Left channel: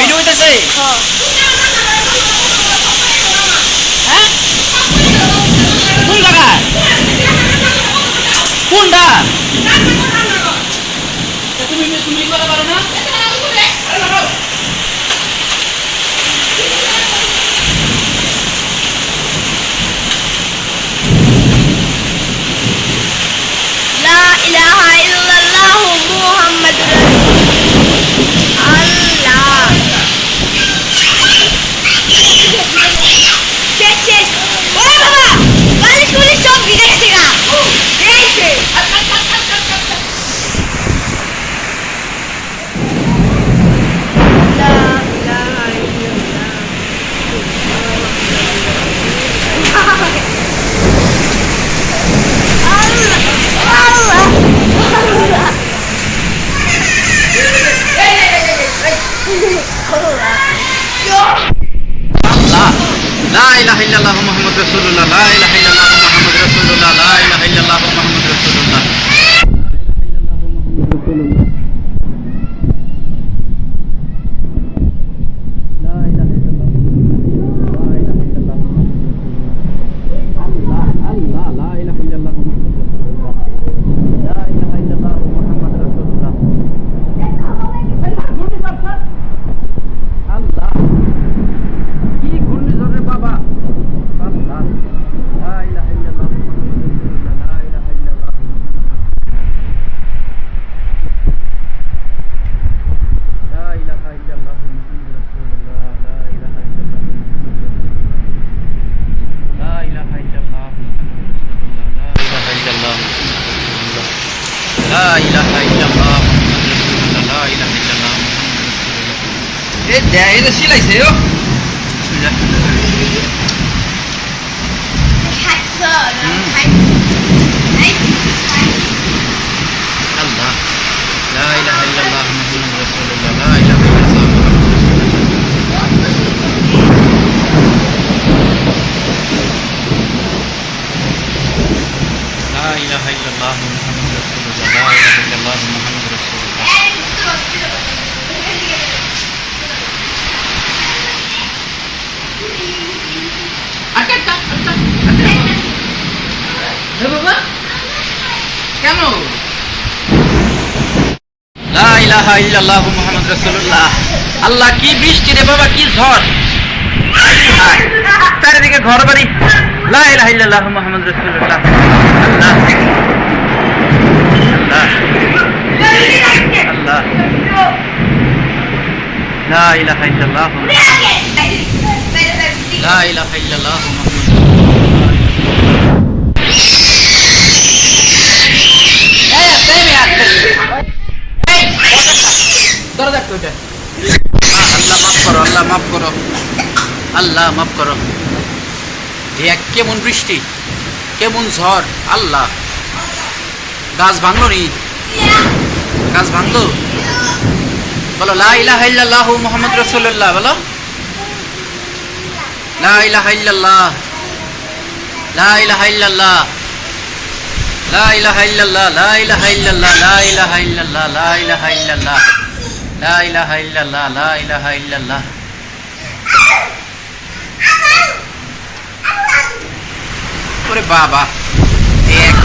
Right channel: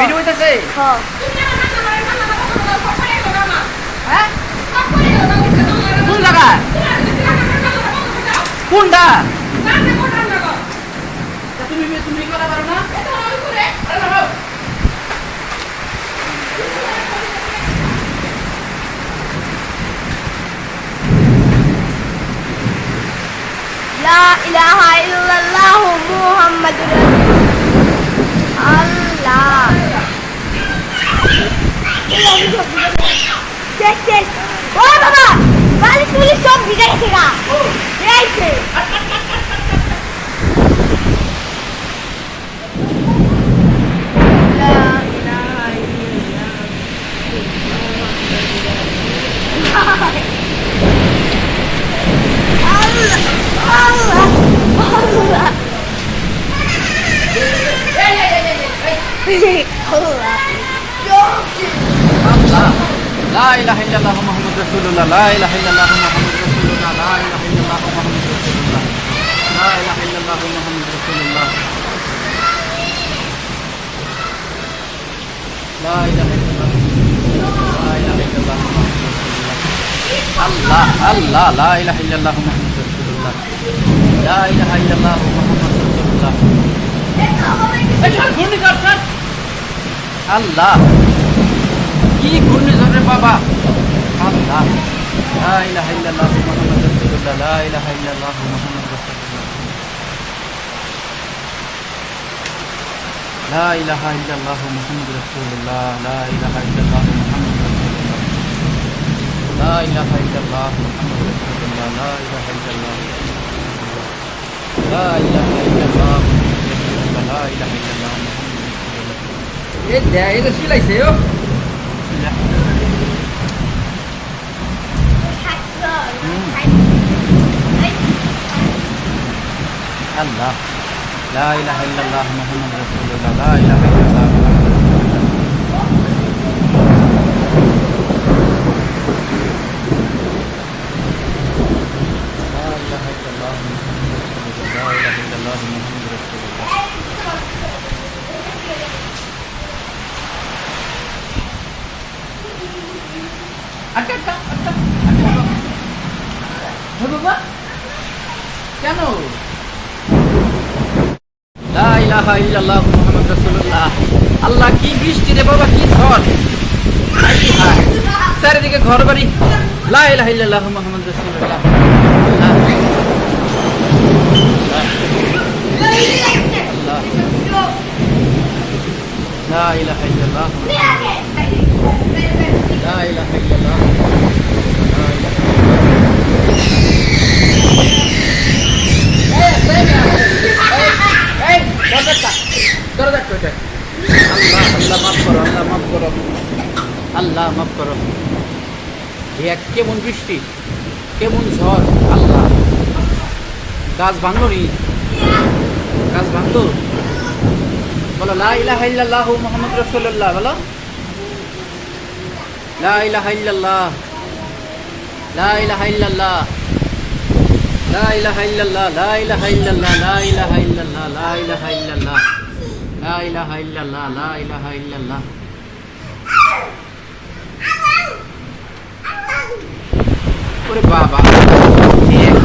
Video হইতেছে হ্যাঁ কোন জায়গা কোনটা তুমি তুমি করা পারো না লা ইলাহা ইল্লাল্লাহ মুহাম্মাদুর আল্লাহ শেষ শেষ ওরে বাবা বালিশ পুলিশ সব ভিজে গেছে গা এই সে লা ইলাহা ইল্লাল্লাহ আল্লাহ আল্লাহ লা ইলাহা ইল্লাল্লাহ মুহাম্মাদুর রাসূলুল্লাহ লা ইলাহা ইল্লাল্লাহ মুহাম্মাদুর রাসূলুল্লাহ লা ইলাহা ইল্লাল্লাহ মুহাম্মাদুর রাসূলুল্লাহ লা ইলাহা ইল্লাল্লাহ মুহাম্মাদুর রাসূলুল্লাহ লা ইলাহা ইল্লাল্লাহ লা ইলাহা ইল্লাল্লাহ আল্লাহ আল্লাহ লা ইলাহা ইল্লাল্লাহ মুহাম্মাদুর রাসূলুল্লাহ লা ইলাহা ইল্লাল্লাহ মুহাম্মাদুর রাসূলুল্লাহ আল্লাহ কি ঘূর্ণিঝড় রে বাবা আল্লাহ লা ইলাহা ইল্লাল্লাহ মুহাম্মাদুর রাসূলুল্লাহ লা ইলাহা ইল্লাল্লাহ মুহাম্মাদুর রাসূলুল্লাহ লা ইলাহা ইল্লাল্লাহ মুহাম্মাদুর রাসূলুল্লাহ লা ইলাহা ইল্লাল্লাহ মুহাম্মাদুর রাসূলুল্লাহ লা ইলাহা ইল্লাল্লাহ মুহাম্মাদুর রাসূলুল্লাহ লা ইলাহা ইল্লাল্লাহ লা ইলাহা ইল্লাল্লাহ মুহাম্মাদুর রাসূলুল্লাহ লা ইলাহা ইল্লাল্লাহ মুহাম্মাদুর রাসূলুল্লাহ এ দেয় এটা সিলাইছে ও আল্লাহ লা ইলাহা ইল্লাল্লাহ মুহাম্মাদুর রাসূলুল্লাহ লা ইলাহা ইল্লাল্লাহ লা ইলাহা ইল্লাল্লাহ মুহাম্মাদুর রাসূলুল্লাহ লা ইলাহা ইল্লাল্লাহ মুহাম্মাদুর রাসূলুল্লাহ কেন লা ইলাহা ইল্লাল্লাহু মুহাম্মাদুর রাসূলুল্লাহ আল্লাহ কি বৃষ্টি রে বাবা কি ঝড় হায় চারিদিকে ঘর বাড়ি লা ইলাহা ইল্লাল্লাহু মুহাম্মাদুর রাসূলুল্লাহ আল্লাহ আল্লাহ আল্লাহ লা ইলাহা ইল্লাল্লাহু লা ইলাহা ইল্লাল্লাহু লা ইলাহা আল্লাহ মাফ করো আল্লাহ মাফ করো আল্লাহ মাফ করো এক কেমন বৃষ্টি কেমন ঝড় আল্লাহ গাছ ভাঙলো নি গাছ ভাঙলো বলো লা ইলাহা ইল্লাল্লাহু মুহাম্মাদুর রাসূলুল্লাহ বলো লা ইলাহা ইল্লাল্লাহ লা ইলাহা ইল্লাল্লাহ লা ইলাহা ইল্লাল্লাহ লা ইলাহা ইল্লাল্লাহ লা ইলাহা ইল্লাল্লাহ লা ইলাহা ইল্লাল্লাহ লা ইলাহা ইল্লাল্লাহ লা ইলাহা ইল্লাল্লাহ ওরে বাবা এক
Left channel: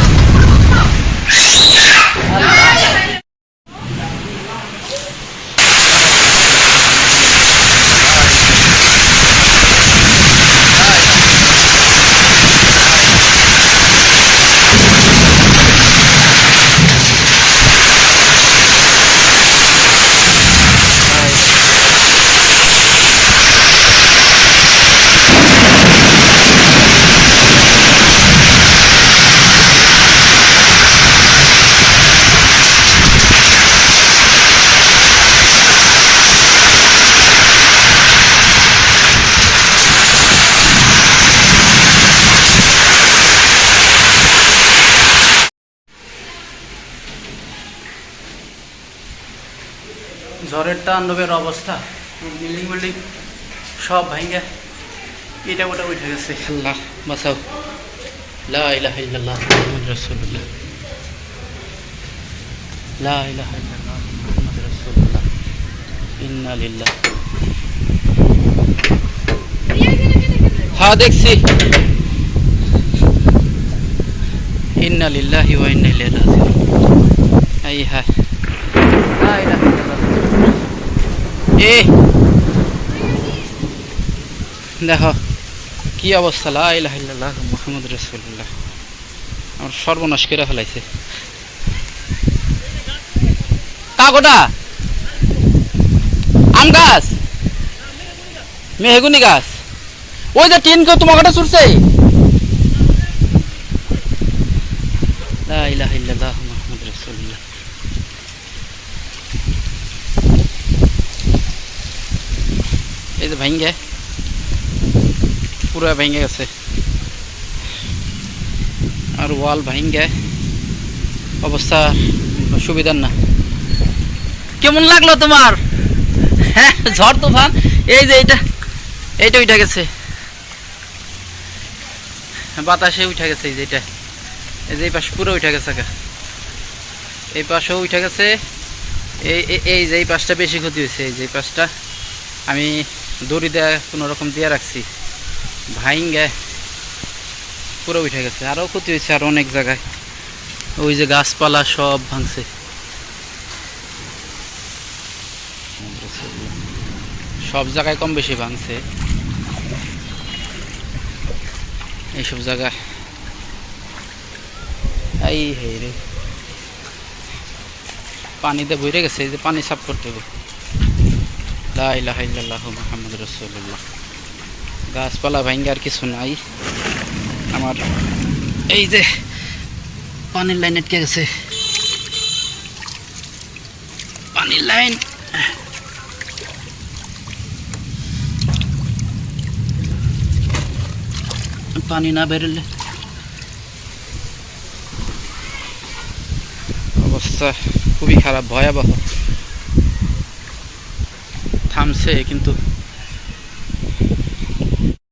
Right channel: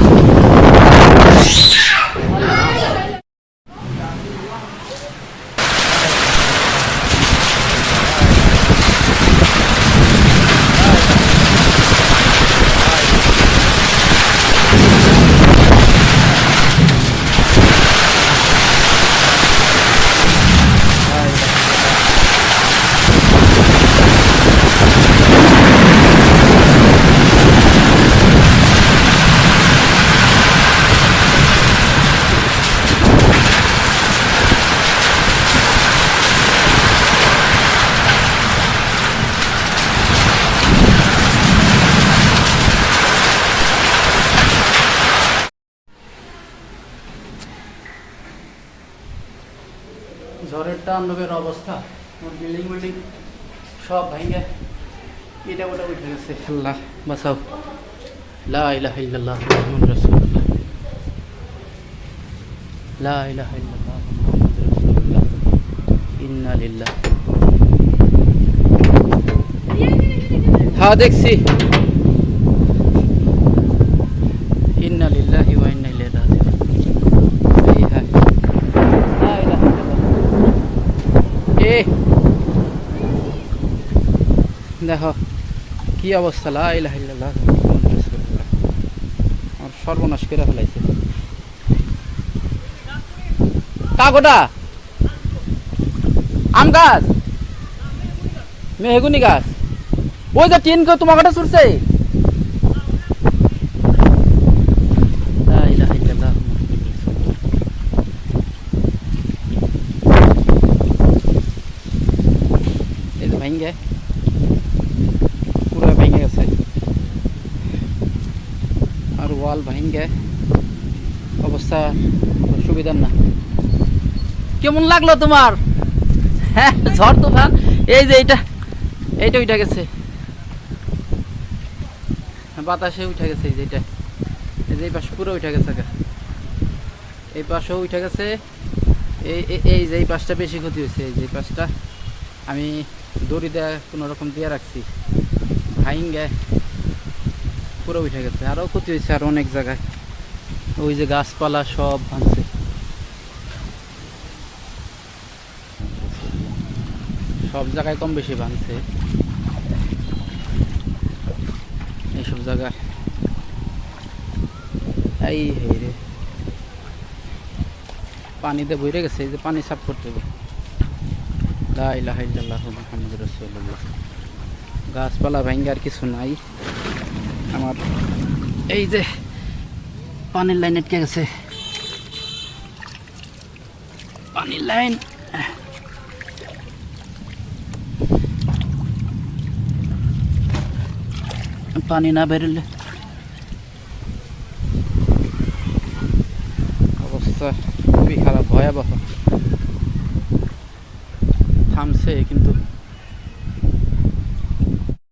ঝড়ের তাণ্ডবের অবস্থা বিল্ডিং বিল্ডিং সব ভাঙে এটা ওটা উঠে গেছে আল্লাহ বাঁচাও লা ইলাহা ইল্লাল্লাহ মুহাম্মাদুর রাসূলুল্লাহ লা ইলাহা ইল্লাল্লাহ মুহাম্মাদুর রাসূলুল্লাহ ইন্না লিল্লাহি হ্যাঁ দেখছি। ইন্না লিল্লাহি ওয়া ইন্না ইলাইহি রাজিউন। এই হ্যাঁ লা ইলাহা ইল্লাল্লাহ। এ দেখো কি অবস্থা, লা ইলাহা ইল্লাল্লাহ মুহাম্মাদুর রাসূলুল্লাহ। আমার সর্বনাশ করে ফেলাইছে। কাগোটা আম গাছ, মেহগুনি গাছ, ওই যে টিন কেউ তোমার কাটা ছুটছে। লা ইলাহা ইল্লাল্লাহ মুহাম্মাদুর রাসূলুল্লাহ। এই যে ভাঙ্গে, পুরা ভেঙে গেছে। আর ওয়াল ভাঙ্গে অবস্থা সুবিধার না। কেমন লাগলো তোমার? হ্যাঁ ঝড় তুফান। এই যে এইটা উঠে গেছে, বাতাসে উঠে গেছে। এই যে এটা, এই যে এই পাশ পুরো উঠে গেছে, এই পাশেও উঠে গেছে। এই যে এই পাশটা বেশি ক্ষতি হয়েছে। এই যে এই পাশটা আমি দড়ি দেওয়া কোনো রকম দিয়ে রাখছি, ভাইঙ্গে পুরো উঠে গেছে। আরও ক্ষতি হয়েছে আর অনেক জায়গায়। ওই যে গাছপালা সব ভাঙছে। সব জায়গায় কম বেশি ভাঙছে এইসব জায়গায়। এই রে পানিতে ভরে গেছে। এই যে পানি সাফ করতে হবে। লা ইলাহা ইল্লাল্লাহ মুহাম্মাদুর রাসূলুল্লাহ। গাছপালা ভাঙ্গে আর কিছু নাই। আমার এই যে পানির লাইন আটকে গেছে, পানির লাইন। পানি না বেরোলে অবস্থা খুবই খারাপ, ভয়াবহ। থামছে কিন্তু